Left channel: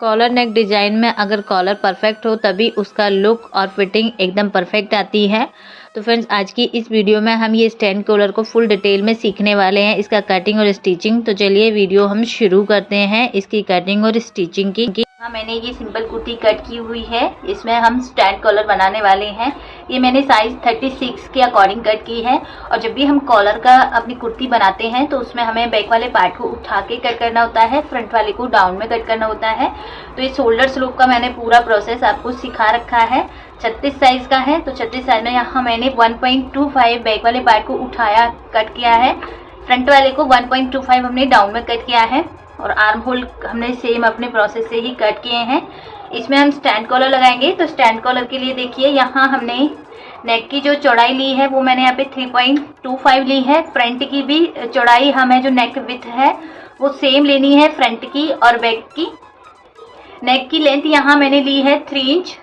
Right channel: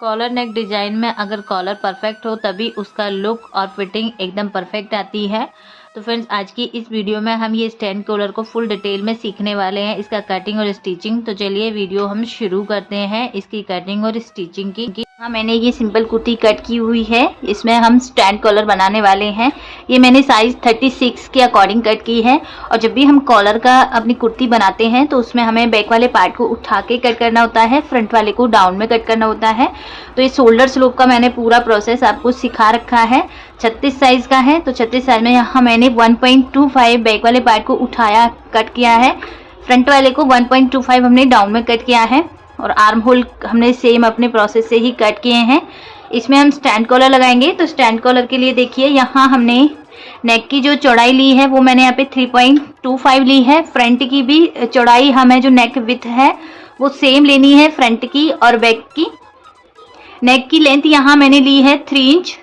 Collar नेक design में अगर collar perfect हो तभी उसका लुक और फिटिंग एकदम परफेक्ट आती है। तो फ्रेंड्स, आज की इस वीडियो में हम ये स्टैंड कॉलर को फुल डिटेल में सीखने वाले हैं, इसका कटिंग और स्टिचिंग। तो चलिए वीडियो हम शुरू करते हैं इसकी कटिंग और स्टिचिंग की। हाँ, मैंने ये सिंपल कुर्ती कट की हुई है, इसमें हम स्टैंड कॉलर बनाने वाले हैं। ये मैंने साइज 36 के अकॉर्डिंग कट की है। और जब भी हम कॉलर का अपनी कुर्ती बनाते हैं तो उसमें हमें बैक वाले पार्ट को उठा के कट करना होता है, फ्रंट वाले को डाउन में कट करना होता है। तो ये शोल्डर स्लोप का मैंने पूरा प्रोसेस आपको सिखा रखा है। 36 साइज का है, तो 36 साइज में यहाँ मैंने 1.25 बैक वाले पार्ट को उठाया कट किया है, फ्रंट वाले को 1.25 हमने डाउन में कट किया है। और आर्म होल हमने सेम अपने प्रोसेस से ही कट किए हैं। इसमें हम स्टैंड कॉलर लगाएंगे। तो स्टैंड कॉलर के लिए देखिए, यहाँ हमने नेक की जो चौड़ाई ली है वो मैंने यहाँ पे 3.25 ली है। फ्रंट की भी चौड़ाई हमें जो नेक विड्थ है वो सेम लेनी है, फ्रंट की और बैक की। नेक की लेंथ यहाँ मैंने ली है 3 इंच।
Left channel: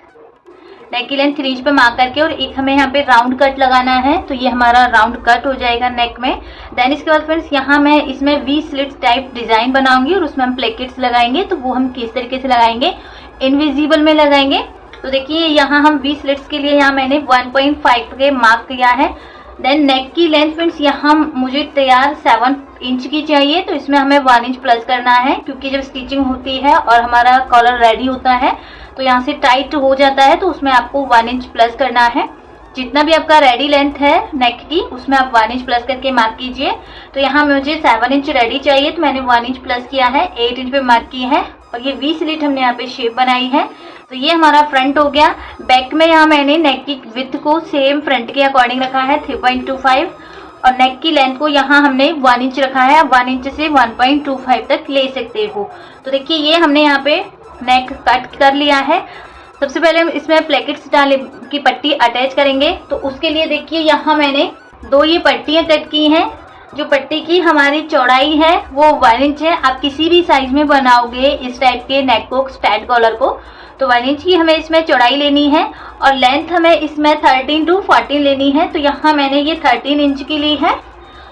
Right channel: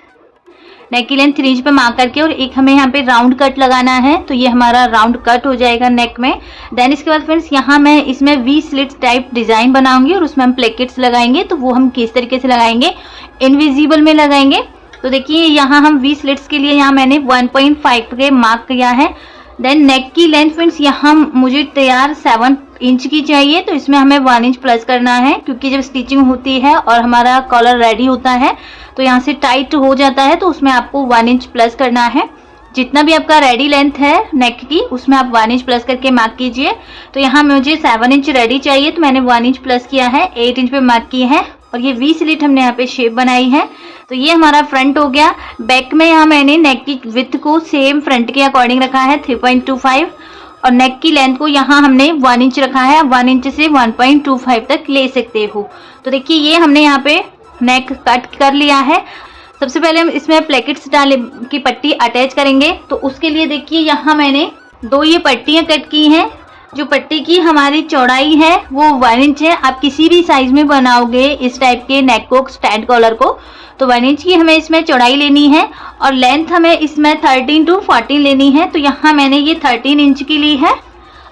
नेक की लेंथ 3 इंच पे मार्क करके, और एक हमें यहाँ पे राउंड कट लगाना है। तो ये हमारा राउंड कट हो जाएगा नेक में। देन इसके बाद फ्रेंड्स, यहाँ मैं इसमें वी स्लिट्स टाइप डिजाइन बनाऊंगी और उसमें हम प्लेकेट्स लगाएंगे। तो वो हम किस तरीके से लगाएंगे, इनविजिबल में लगाएंगे। तो देखिए, यहाँ हम वी स्लिट्स के लिए यहाँ मैंने 1.5 के मार्क किया है। देन नेक की लेंथ फ्रेंड्स, यहाँ मुझे तैयार 7 इंच की चाहिए। तो इसमें हमें 1 इंच प्लस करना है, क्योंकि जब स्टिचिंग होती है और हमारा कॉलर रेडी होता है तो यहाँ से टाइट हो जाता है, तो उसमें आपको 1 इंच प्लस करना है। जितना भी आपका रेडी लेंथ है नेक की, उसमें आप 1 इंच प्लस करके मार्क कीजिए। तो यहाँ मुझे 7 इंच रेडी चाहिए, तो मैंने 1 इंच प्लस किया है, 8 इंच पे मार्क की है। और ये वी स्लिट हमने यहाँ पे शेप बनाई है। तो ये हमारा फ्रंट हो गया। बैक में यहाँ मैंने नेक की विड्थ को सेम फ्रंट के अकॉर्डिंग रखा है 3.25, और नेक की लेंथ को यहाँ हमने 1 इंच रखा है। 1 इंच से 1.25 तक ले सकते हो। तो देखिए, ये हमने यहाँ पे नेक कट कर लिया है। सबसे पहले हम इसमें प्लेकेट्स डाले की पट्टी अटैच करेंगे। तो उसके लिए देखिए, यहाँ मैंने 2 ये पट्टियां कट की हैं। जो पट्टी की हमारी चौड़ाई है वो 1 इंच है। आप किसी भी साइज में बनाओगे इस टाइप के नेक को, स्टैंड कॉलर को, तो 1 इंच की हमें इसमें चौड़ाई लेनी है। और लेंथ हमें इसमें 13 to 14 लेनी है। तो यहाँ मैंने ये 13 इंच की ली है,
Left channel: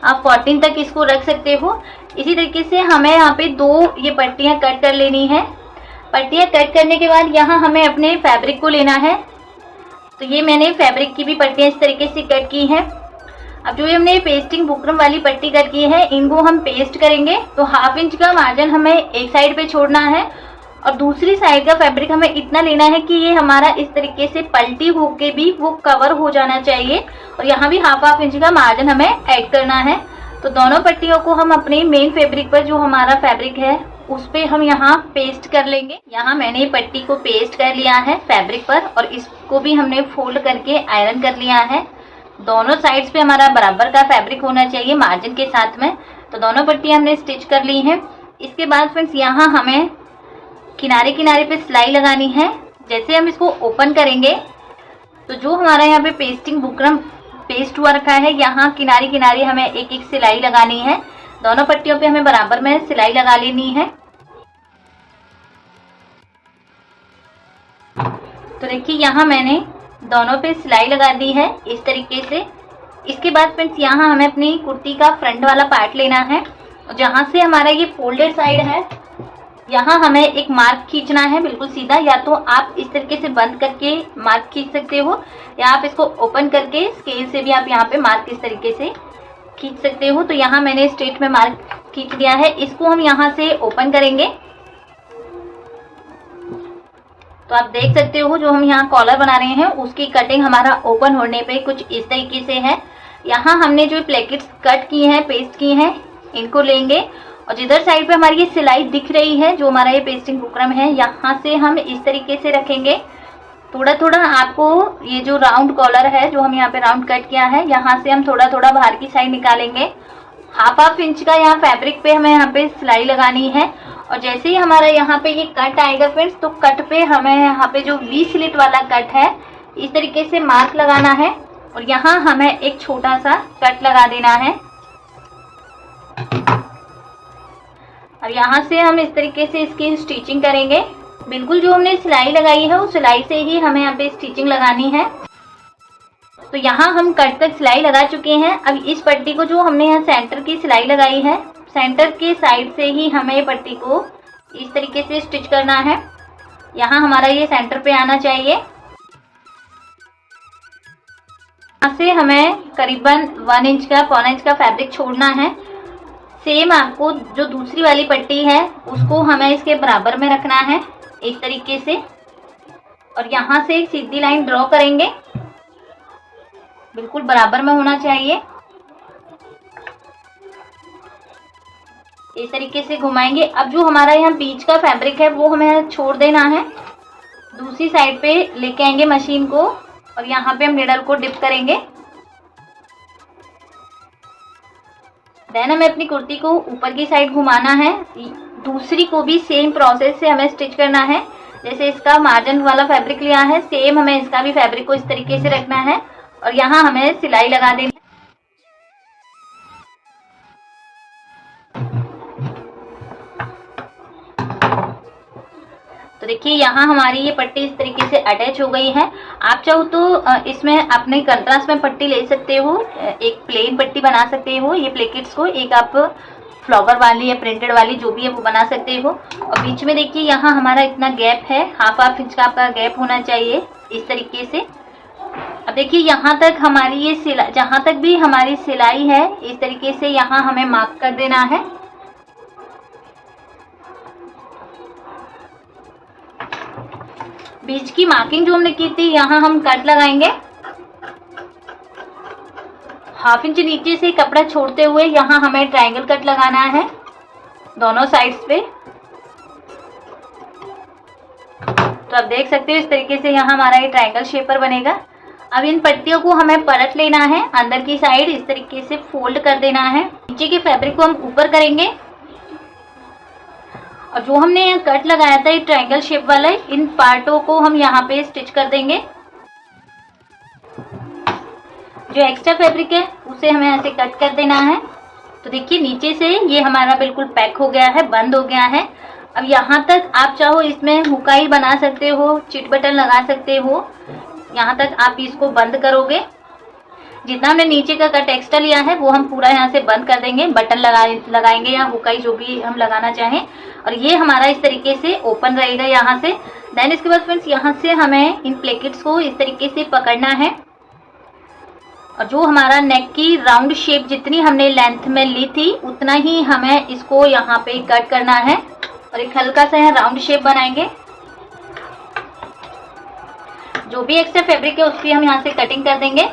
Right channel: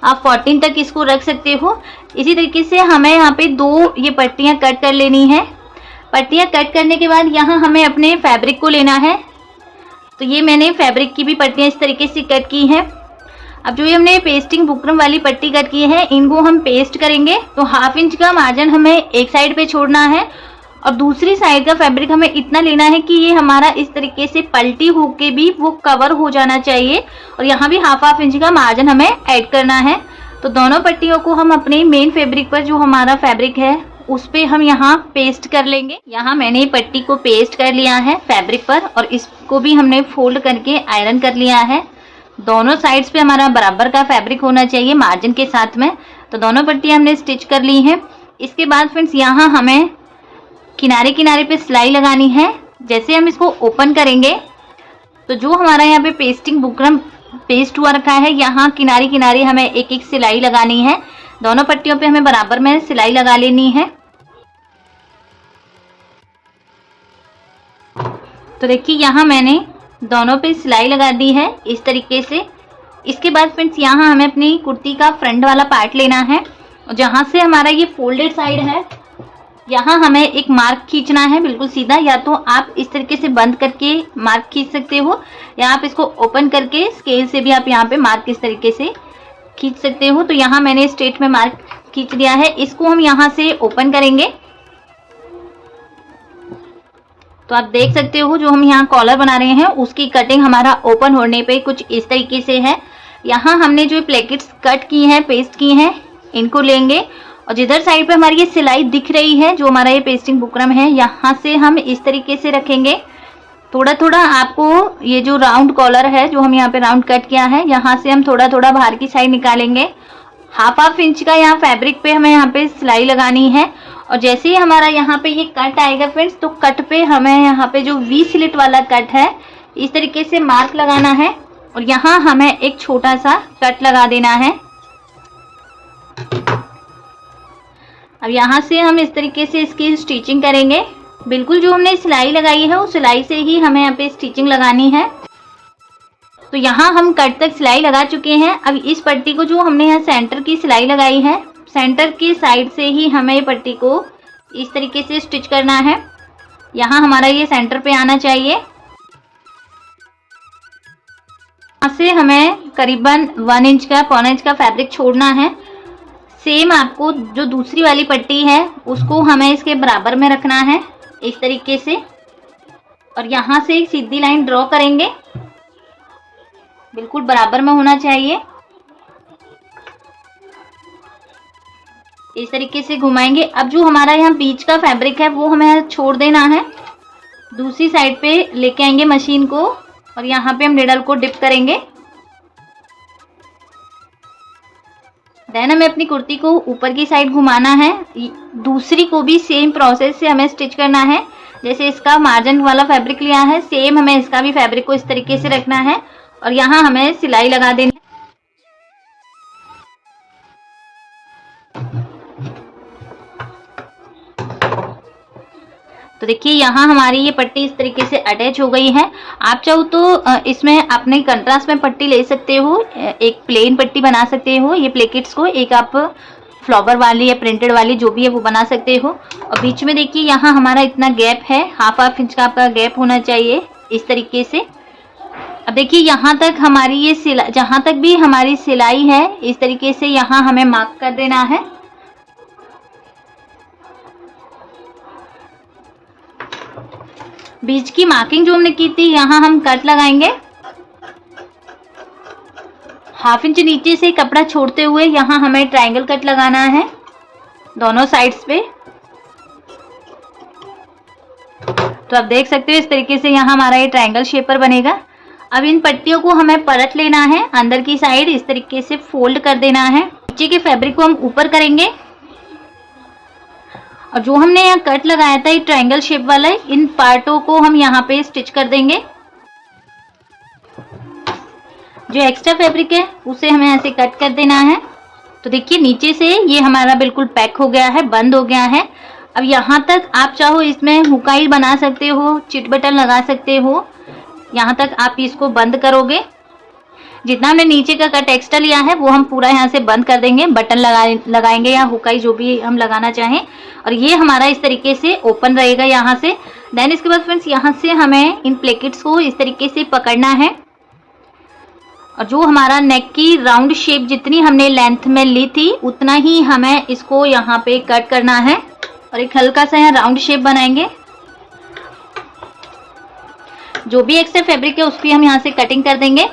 आप 14 तक इसको रख सकते हो। इसी तरीके से हमें यहाँ पे 2 ये पट्टियां कट कर लेनी है। पट्टियां कट करने के बाद यहाँ हमें अपने फैब्रिक को लेना है। तो ये मैंने फैब्रिक की भी पट्टियां इस तरीके से कट की हैं। अब जो ये हमने पेस्टिंग बुकरम वाली पट्टी कट की है, इनको हम पेस्ट करेंगे। तो 1/2 इंच का मार्जिन हमें एक साइड पे छोड़ना है, और दूसरी साइड का फैब्रिक हमें इतना लेना है कि ये हमारा इस तरीके से पलटी होके भी वो कवर हो जाना चाहिए। और यहाँ भी 1/2 इंच का मार्जिन हमें ऐड करना है। तो दोनों पट्टियों को हम अपने मेन फैब्रिक पर, जो हमारा फैब्रिक है उस पे हम यहाँ पेस्ट कर लेंगे। यहाँ मैंने पट्टी को पेस्ट कर लिया है फैब्रिक पर, और इसको भी हमने फोल्ड करके आयरन कर लिया है। दोनों साइड्स पे हमारा बराबर का फैब्रिक होना चाहिए मार्जिन के साथ में। तो दोनों पट्टियां हमने स्टिच कर ली हैं। इसके बाद फ्रेंड्स, यहाँ हमें किनारे किनारे पे सिलाई लगानी है। जैसे हम इसको ओपन करेंगे तो जो हमारा यहाँ पे पेस्टिंग बुकरम पेस्ट हुआ रखा है, यहाँ किनारे किनारे हमें एक एक सिलाई लगानी है। दोनों पट्टियों पे हमें बराबर में सिलाई लगा लेनी है। तो देखिए, यहाँ मैंने दोनों पे सिलाई लगा दी है इस तरीके से। इसके बाद फ्रेंड्स, यहाँ हमें अपनी कुर्ती का फ्रंट वाला पार्ट लेना है। जहाँ से हमारा ये फोल्डेड साइड है, यहाँ हमें एक मार्क खींचना है बिल्कुल सीधा। या तो आप इस तरीके से बंद करके मार्क खींच सकते हो, या आप इसको ओपन करके स्केल से भी आप यहाँ पे मार्क इस तरीके से खींच सकते हो। तो यहाँ मैंने स्ट्रेट में मार्क खींच दिया है। इसको हम यहाँ से ओपन करेंगे। तो आप देख सकते हो, जो हम यहाँ कॉलर बना रहे हैं उसकी कटिंग हमारा ओपन होने पे कुछ इस तरीके से है। यहाँ हमने जो प्लेकेट्स कट की हैं, पेस्ट की हैं, इनको लेंगे। और जिधर साइड पे हमारी ये सिलाई दिख रही है, जो हमारा ये पेस्टिंग बुकरम है, यहाँ से हम इस तरीके से रखेंगे। थोड़ा थोड़ा आपको ये जो राउंड कॉलर है, जो हम यहाँ पे राउंड कट किया है, यहाँ से हम थोड़ा थोड़ा बाहर की साइड निकालेंगे। 1/2 इंच का यहाँ फैब्रिक पे हमें यहाँ पे सिलाई लगानी है। और जैसे ही हमारा यहाँ पे ये कट आएगा फ्रेंड्स, तो कट पे हमें यहाँ पे जो वी स्लिट वाला कट है, इस तरीके से मार्क लगाना है। और यहाँ हमें एक छोटा सा कट लगा देना है। अब यहाँ से हम इस तरीके से इसकी स्टिचिंग करेंगे। बिल्कुल जो हमने सिलाई लगाई है उस सिलाई से ही हमें यहाँ पे स्टिचिंग लगानी है। तो यहाँ हम कट तक सिलाई लगा चुके हैं। अब इस पट्टी को जो हमने यहाँ सेंटर की सिलाई लगाई है, सेंटर के साइड से ही हमें ये पट्टी को इस तरीके से स्टिच करना है। यहाँ हमारा ये सेंटर पे आना चाहिए। यहाँ से हमें करीबन 1 इंच का, पौना इंच का फैब्रिक छोड़ना है। सेम आपको जो दूसरी वाली पट्टी है उसको हमें इसके बराबर में रखना है इस तरीके से, और यहाँ से एक सीधी लाइन ड्रॉ करेंगे, बिल्कुल बराबर में होना चाहिए। इस तरीके से घुमाएंगे। अब जो हमारा यहाँ बीच का फैब्रिक है वो हमें छोड़ देना है। दूसरी साइड पे लेके आएंगे मशीन को और यहाँ पे हम निडल को डिप करेंगे। देन हमें अपनी कुर्ती को ऊपर की साइड घुमाना है। दूसरी को भी सेम प्रोसेस से हमें स्टिच करना है। जैसे इसका मार्जिन वाला फैब्रिक लिया है, सेम हमें इसका भी फैब्रिक को इस तरीके से रखना है और यहाँ हमें सिलाई लगा देनी है। तो देखिए यहाँ हमारी ये पट्टी इस तरीके से अटैच हो गई है। आप चाहो तो इसमें अपने कंट्रास्ट में पट्टी ले सकते हो, एक प्लेन पट्टी बना सकते हो। ये प्लेकेट्स को एक आप फ्लावर वाली या प्रिंटेड वाली जो भी है वो बना सकते हो। और बीच में देखिए यहाँ हमारा इतना गैप है, हाफ इंच का आपका गैप होना चाहिए इस तरीके से। अब देखिए यहाँ तक हमारी ये सिलाई, जहाँ तक भी हमारी सिलाई है इस तरीके से यहाँ हमें मार्क कर देना है। बीच की मार्किंग जो हमने की थी यहाँ हम कट लगाएंगे। हाफ इंच नीचे से कपड़ा छोड़ते हुए यहाँ हमें ट्रायंगल कट लगाना है दोनों साइड्स पे। तो आप देख सकते हो इस तरीके से यहाँ हमारा ये ट्रायंगल शेप पर बनेगा। अब इन पट्टियों को हमें पलट लेना है, अंदर की साइड इस तरीके से फोल्ड कर देना है। नीचे के फैब्रिक को हम ऊपर करेंगे और जो हमने यहाँ कट लगाया था ये ट्रायंगल शेप वाला, इन पार्टों को हम यहाँ पे स्टिच कर देंगे। जो एक्स्ट्रा फैब्रिक है उसे हमें ऐसे कट कर देना है। तो देखिए नीचे से ये हमारा बिल्कुल पैक हो गया है, बंद हो गया है। अब यहाँ तक आप चाहो इसमें हुकाई बना सकते हो, चिट बटन लगा सकते हो। यहाँ तक आप इसको बंद करोगे। जितना हमने नीचे का कट एक्स्ट्रा लिया है वो हम पूरा यहाँ से बंद कर देंगे, बटन लगाएंगे या हुकाई जो भी हम लगाना चाहें, और ये हमारा इस तरीके से ओपन रहेगा यहाँ से। देन इसके बाद फ्रेंड्स यहाँ से हमें इन प्लेकेट्स को इस तरीके से पकड़ना है और जो हमारा नेक की राउंड शेप जितनी हमने लेंथ में ली थी उतना ही हमें इसको यहाँ पे कट करना है और एक हल्का सा यहाँ राउंड शेप बनाएंगे। जो भी एक्स्ट्रा फैब्रिक है उसकी हम यहाँ से कटिंग कर देंगे।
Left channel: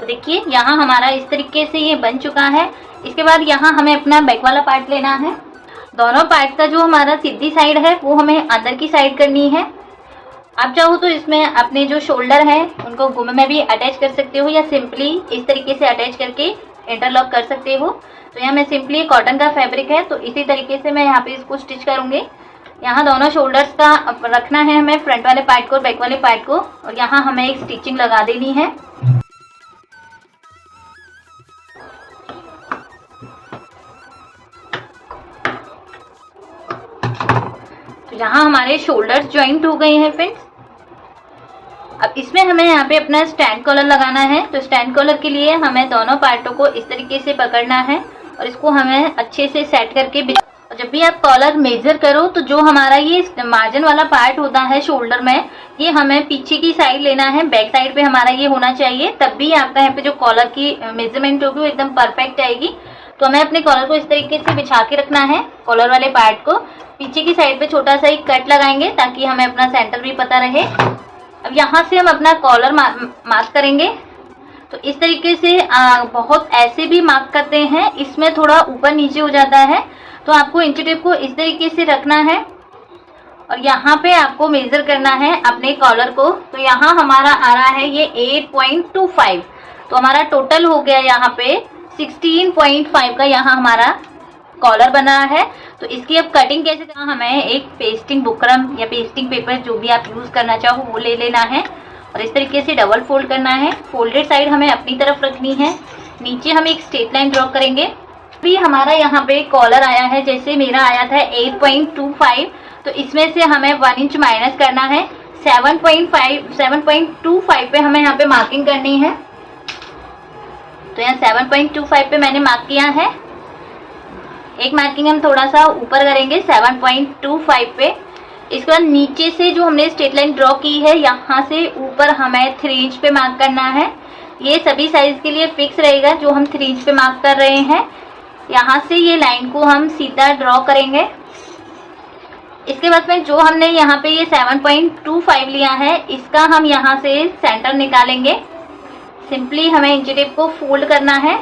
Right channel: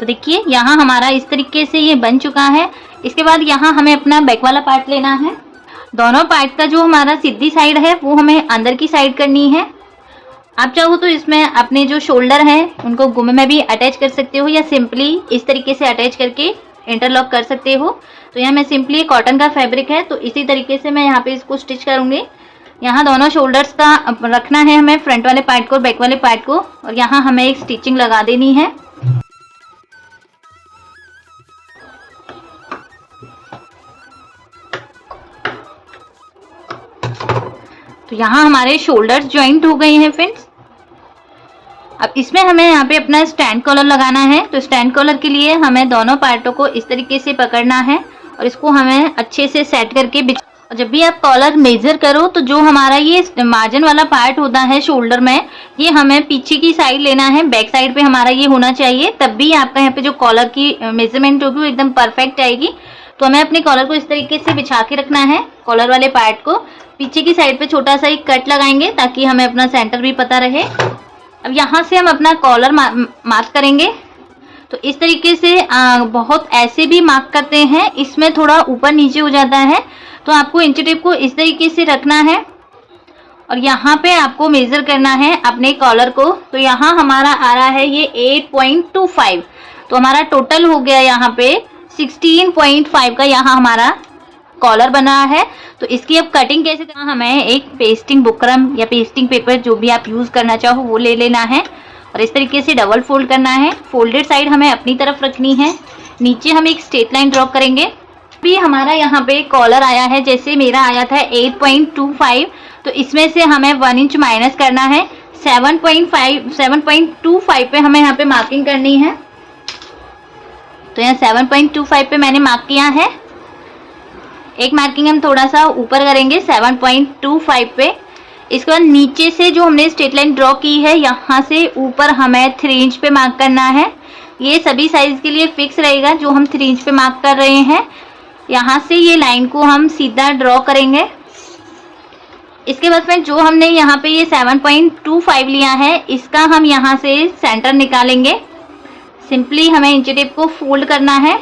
तो देखिए यहाँ हमारा इस तरीके से ये बन चुका है। इसके बाद यहाँ हमें अपना बैक वाला पार्ट लेना है। दोनों पार्ट का जो हमारा सीधी साइड है वो हमें अंदर की साइड करनी है। आप चाहो तो इसमें अपने जो शोल्डर हैं उनको गुम में भी अटैच कर सकते हो या सिंपली इस तरीके से अटैच करके इंटरलॉक कर सकते हो। तो यहाँ मैं सिंपली कॉटन का फैब्रिक है तो इसी तरीके से मैं यहाँ पे इसको स्टिच करूंगी। यहाँ दोनों शोल्डर्स का रखना है हमें, फ्रंट वाले पार्ट को और बैक वाले पार्ट को, और यहाँ हमें एक स्टिचिंग लगा देनी है। तो यहाँ हमारे शोल्डर्स ज्वाइंट हो गए हैं फ्रेंड्स। अब इसमें हमें यहाँ पे अपना स्टैंड कॉलर लगाना है। तो स्टैंड कॉलर के लिए हमें दोनों पार्टों को इस तरीके से पकड़ना है और इसको हमें अच्छे से सेट करके और जब भी आप कॉलर मेजर करो तो जो हमारा ये मार्जिन वाला पार्ट होता है शोल्डर में, ये हमें पीछे की साइड लेना है, बैक साइड पे हमारा ये होना चाहिए, तब भी आपका यहाँ पे जो कॉलर की मेजरमेंट होगी वो एकदम परफेक्ट आएगी। तो हमें अपने कॉलर को इस तरीके से बिछा के रखना है। कॉलर वाले पार्ट को पीछे की साइड पे छोटा सा एक कट लगाएंगे ताकि हमें अपना सेंटर भी पता रहे। अब यहाँ से हम अपना कॉलर मार्क करेंगे। तो इस तरीके से बहुत ऐसे भी मार्क करते हैं, इसमें थोड़ा ऊपर नीचे हो जाता है। तो आपको इंची टेप को इस तरीके से रखना है और यहाँ पे आपको मेजर करना है अपने कॉलर को। तो यहाँ हमारा आ रहा है ये 8.25। तो हमारा टोटल हो गया यहाँ पे 16.5 का यहाँ हमारा कॉलर बना है। तो इसकी अब कटिंग कैसे करना, हमें एक पेस्टिंग बुकरम या पेस्टिंग पेपर जो भी आप यूज करना चाहो वो ले लेना है और इस तरीके से डबल फोल्ड करना है। फोल्डेड साइड हमें अपनी तरफ रखनी है। नीचे हम एक स्ट्रेट लाइन ड्रॉ करेंगे। भी हमारा यहाँ पे कॉलर आया है, जैसे मेरा आया था 8.25, तो इसमें से हमें 1 इंच माइनस करना है। 7.25 पे हमें यहाँ पे मार्किंग करनी है। तो यहाँ 7.25 पे मैंने मार्क किया है। एक मार्किंग हम थोड़ा सा ऊपर करेंगे 7.25 पे। इसके बाद नीचे से जो हमने स्ट्रेट लाइन ड्रॉ की है यहाँ से ऊपर हमें 3 इंच पे मार्क करना है। ये सभी साइज के लिए फिक्स रहेगा जो हम 3 इंच पे मार्क कर रहे हैं। यहाँ से ये लाइन को हम सीधा ड्रॉ करेंगे। इसके बाद में जो हमने यहाँ पे ये 7.25 लिया है इसका हम यहाँ से सेंटर निकालेंगे। सिंपली हमें इंची टेप को फोल्ड करना है,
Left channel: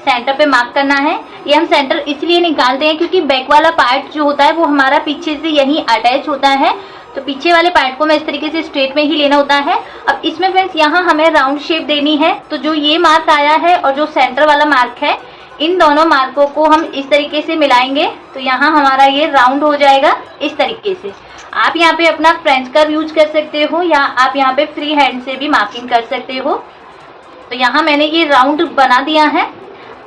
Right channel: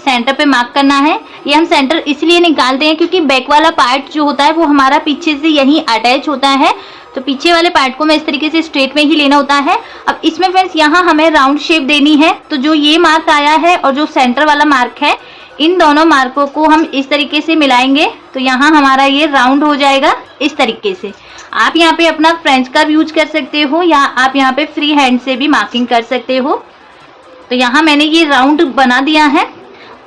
सेंटर पे मार्क करना है। ये हम सेंटर इसलिए निकालते हैं क्योंकि बैक वाला पार्ट जो होता है वो हमारा पीछे से यहीं अटैच होता है, तो पीछे वाले पार्ट को मैं इस तरीके से स्ट्रेट में ही लेना होता है। अब इसमें फ्रेंड्स यहाँ हमें राउंड शेप देनी है, तो जो ये मार्क आया है और जो सेंटर वाला मार्क है इन दोनों मार्कों को हम इस तरीके से मिलाएंगे तो यहाँ हमारा ये राउंड हो जाएगा इस तरीके से। आप यहाँ पे अपना फ्रेंच कर्व यूज कर सकते हो या आप यहाँ पे फ्री हैंड से भी मार्किंग कर सकते हो। तो यहाँ मैंने ये राउंड बना दिया है।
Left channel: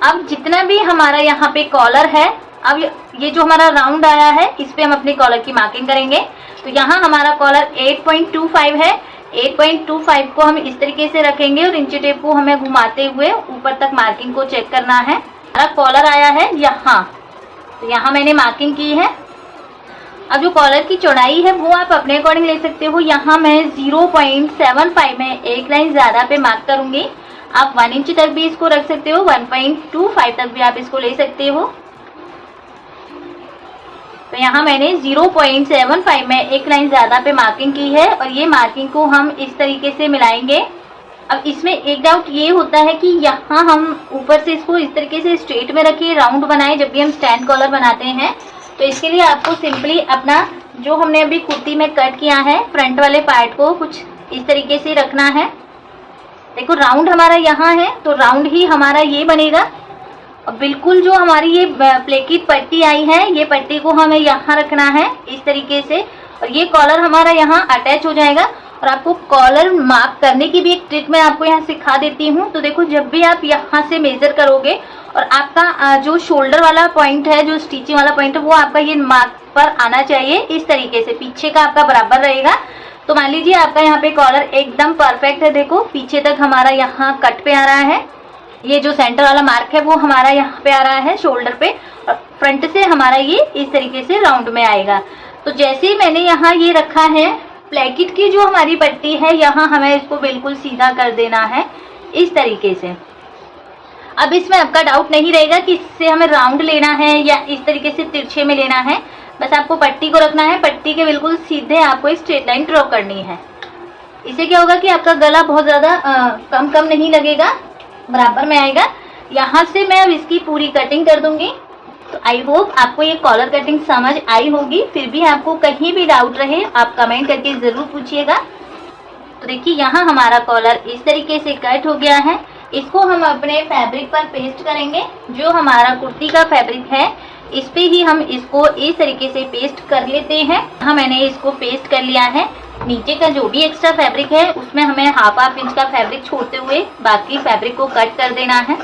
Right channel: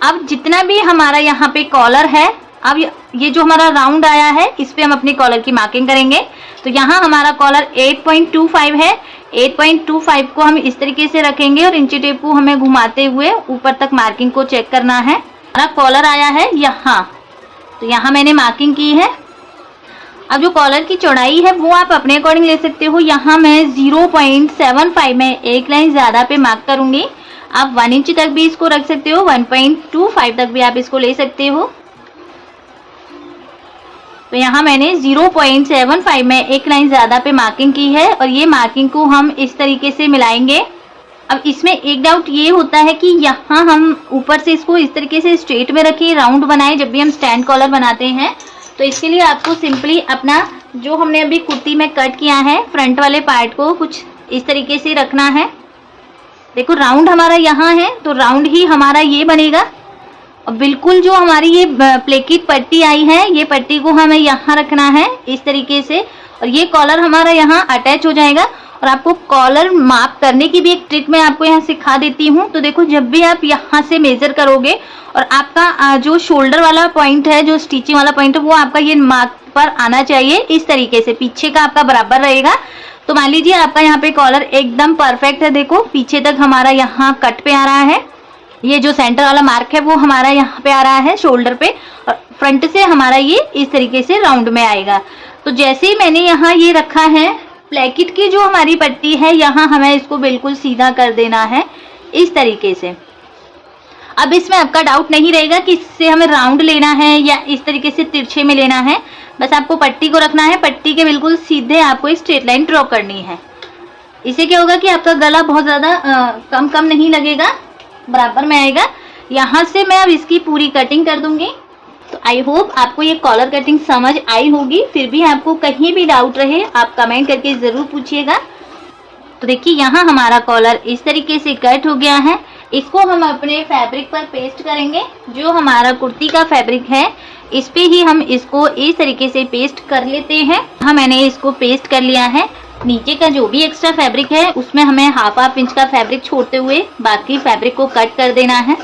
अब जितना भी हमारा यहाँ पे कॉलर है, अब ये जो हमारा राउंड आया है इस पे हम अपने कॉलर की मार्किंग करेंगे। तो यहाँ हमारा कॉलर 8.25 है। 8.25 को हम इस तरीके से रखेंगे और इंची टेप को हमें घुमाते हुए ऊपर तक मार्किंग को चेक करना है। हमारा कॉलर आया है यहाँ, तो यहाँ मैंने मार्किंग की है। अब जो कॉलर की चौड़ाई है वो आप अपने अकॉर्डिंग ले सकते हो। यहाँ मैं 0.75 में एक लाइन ज्यादा पे मार्क करूंगी। आप 1 इंच तक भी इसको रख सकते हो, 1.25 तक भी आप इसको ले सकते हो। तो यहाँ मैंने 0.75 में एक लाइन ज्यादा पे मार्किंग की है और ये मार्किंग को हम इस तरीके से मिलाएंगे। अब इसमें एक डाउट ये होता है कि यहाँ हम ऊपर से इसको इस तरीके से स्ट्रेट में रखें, राउंड बनाए जब भी हम स्टैंड कॉलर बनाते हैं। तो इसके लिए आपको सिंपली अपना जो हमने अभी कुर्ती में कट किया है फ्रंट वाले पार्ट को कुछ इस तरीके से रखना है। देखो राउंड हमारा यहाँ है तो राउंड ही हमारा ये बनेगा। और बिल्कुल जो हमारी ये प्लेकिट पट्टी आई है ये पट्टी को हमें यहाँ रखना है इस तरीके से, और ये कॉलर हमारा यहाँ अटैच हो जाएगा। और आपको कॉलर माप करने की भी एक ट्रिक मैं आपको यहाँ सिखा देती हूँ। तो देखो जब भी आप यहाँ से मेजर करोगे और आपका जो शोल्डर वाला पॉइंट है, जो स्टिचिंग वाला पॉइंट है, वो आपका ये मार्क पर आना चाहिए इस तरीके से, पीछे का आपका बराबर रहेगा। तो मान लीजिए आपका यहाँ पे कॉलर एकदम परफेक्ट है। देखो पीछे तक हमारा यहाँ कट पे आ रहा है, ये जो सेंटर वाला मार्क है वो हमारा यहाँ पे आ रहा है शोल्डर पे, और फ्रंट से हमारा ये इस तरीके से राउंड में आएगा। तो जैसे ही मैंने यहाँ ये रखा है, प्लेकिट की जो हमारी पट्टी है यहाँ हमें इसको बिल्कुल सीधा कर देना है इस तरीके से। अब इसमें आपका डाउट नहीं रहेगा कि इससे हमें राउंड लेना है या इस तरीके से तिरछे में लेना है। बस आपको पट्टी को रखना है, पट्टी के बिल्कुल सीधे आपको एक स्ट्रेट लाइन ड्रॉ करनी है। इससे क्या होगा कि आपका गला बहुत ज्यादा कम नहीं लगेगा, बराबर में आएगा। यहाँ से मैं अब इसकी पूरी कटिंग कर दूंगी। तो आई होप आपको ये कॉलर कटिंग समझ आई होगी। फिर भी आपको कहीं भी डाउट रहे आप कमेंट करके जरूर पूछिएगा। तो देखिए यहाँ हमारा कॉलर इस तरीके से कट हो गया है। इसको हम अपने फैब्रिक पर पेस्ट करेंगे। जो हमारा कुर्ती का फैब्रिक है इस पे ही हम इसको इस तरीके से पेस्ट कर लेते हैं। हाँ मैंने इसको पेस्ट कर लिया है। नीचे का जो भी एक्स्ट्रा फैब्रिक है उसमें हमें हाफ इंच का फैब्रिक छोड़ते हुए बाकी फैब्रिक को कट कर देना है।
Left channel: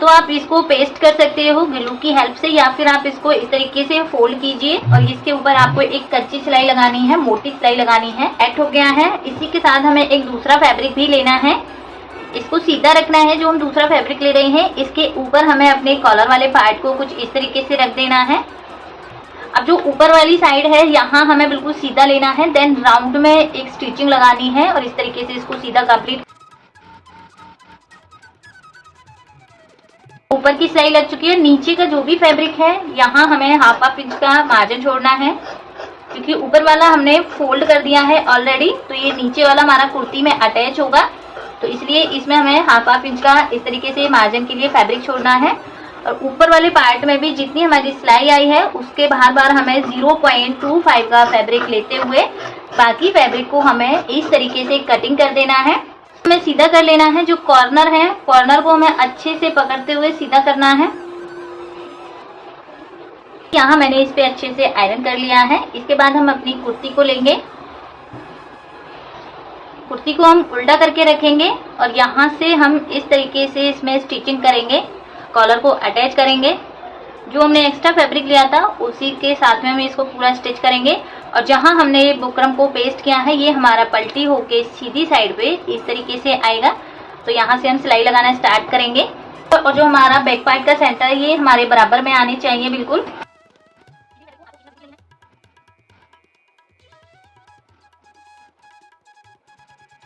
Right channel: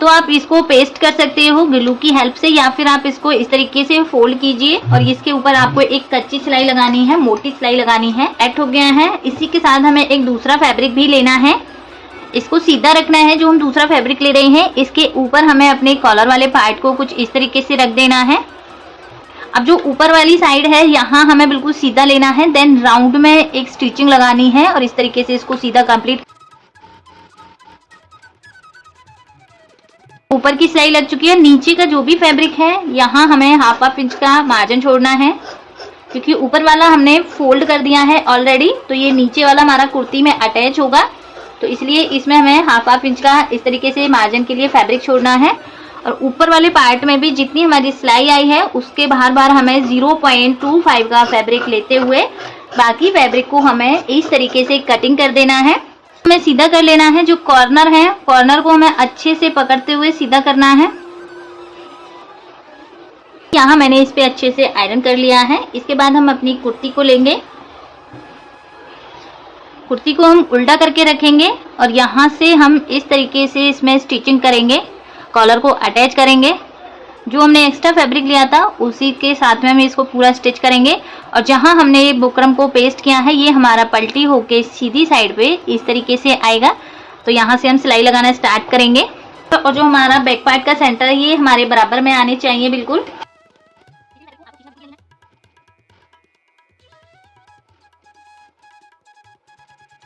तो आप इसको पेस्ट कर सकते हो ग्लू की हेल्प से, या फिर आप इसको इस tariके से फोल्ड कीजिए और इसके ऊपर आपको एक कच्ची सिलाई लगानी है, मोटी सिलाई लगानी है। एट हो गया है। इसी के साथ हमें एक दूसरा फैब्रिक भी लेना है, इसको सीधा रखना है। जो हम दूसरा फैब्रिक ले रहे हैं इसके ऊपर हमें अपने कॉलर वाले पार्ट को कुछ इस तरीके से रख देना है। अब जो ऊपर वाली साइड है यहाँ हमें बिल्कुल सीधा लेना है, देन राउंड में एक स्टिचिंग लगानी है और इस तरीके से इसको सीधा कंप्लीट। ऊपर की सिलाई लग चुकी है। नीचे का जो भी फैब्रिक है यहाँ हमें हाफ इंच का मार्जिन छोड़ना है, क्योंकि ऊपर वाला हमने फोल्ड कर दिया है ऑलरेडी, तो ये नीचे वाला हमारा कुर्ती में अटैच होगा। तो इसलिए इसमें हमें हाफ इंच का इस तरीके से मार्जिन के लिए फैब्रिक छोड़ना है। और ऊपर वाले पार्ट में भी जितनी हमारी सिलाई आई है उसके बाहर हमें 0.25 का फैब्रिक लेते हुए बाकी फैब्रिक को हमें इस तरीके से कटिंग कर देना है। हमें सीधा कर लेना है। जो कॉर्नर है कॉर्नर को हमें अच्छे से पकड़ते हुए सीधा करना है। यहाँ मैंने इस पे अच्छे से आयरन कर लिया है। इसके बाद हम अपनी कुर्ती को लेंगे, कुर्ती को हम उल्टा करके रखेंगे और यहाँ से हम इस तरीके से इसमें स्टिचिंग करेंगे, कॉलर को अटैच करेंगे। जो हमने एक्स्ट्रा फैब्रिक लिया था उसी के साथ में हम इसको पूरा स्टिच करेंगे। और जहाँ हमने ये बुकरम को पेस्ट किया है ये हमारा पलटी होके सीधी साइड पे इस तरीके से आएगा। तो यहाँ से हम सिलाई लगाना स्टार्ट करेंगे। और जो हमारा बैक पार्ट का सेंटर है ये हमारे बराबर में आने चाहिए बिल्कुल।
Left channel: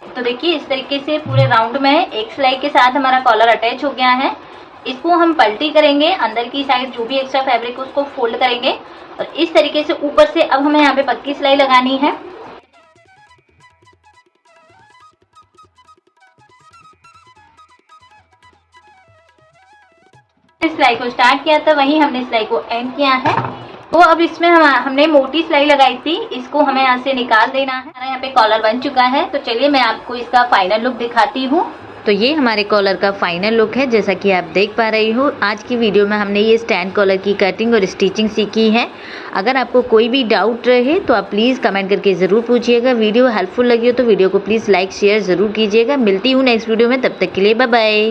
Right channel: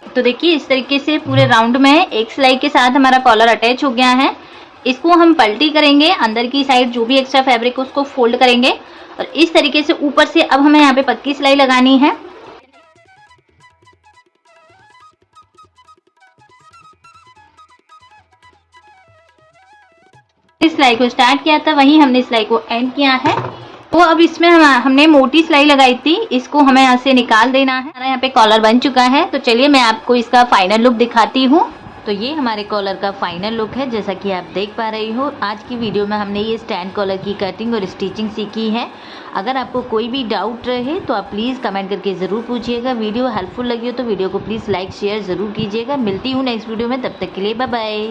तो देखिए इस तरीके से पूरे राउंड में एक सिलाई के साथ हमारा कॉलर अटैच हो गया है। इसको हम पलटी करेंगे, अंदर की साइड जो भी एक्स्ट्रा फैब्रिक है उसको फोल्ड करेंगे और इस तरीके से ऊपर से अब हमें यहाँ पे पक्की सिलाई लगानी है। इस सिलाई को स्टार्ट किया था वहीं हमने सिलाई को एंड किया है। तो अब इसमें हमने मोटी सिलाई लगाई थी, इसको हमें यहाँ से निकाल देना है। हमारा यहाँ पे कॉलर बन चुका है, तो चलिए मैं आपको इसका फाइनल लुक दिखाती हूँ। तो ये हमारे कॉलर का फाइनल लुक है, जैसा कि आप देख पा रही हो। आज की वीडियो में हमने ये स्टैंड कॉलर की कटिंग और स्टिचिंग सीखी है। अगर आपको कोई भी डाउट रहे तो आप प्लीज़ कमेंट करके ज़रूर पूछिएगा। वीडियो हेल्पफुल लगी हो तो वीडियो को प्लीज़ लाइक शेयर ज़रूर कीजिएगा। मिलती हूँ नेक्स्ट वीडियो में, तब तक के लिए बाय बाय।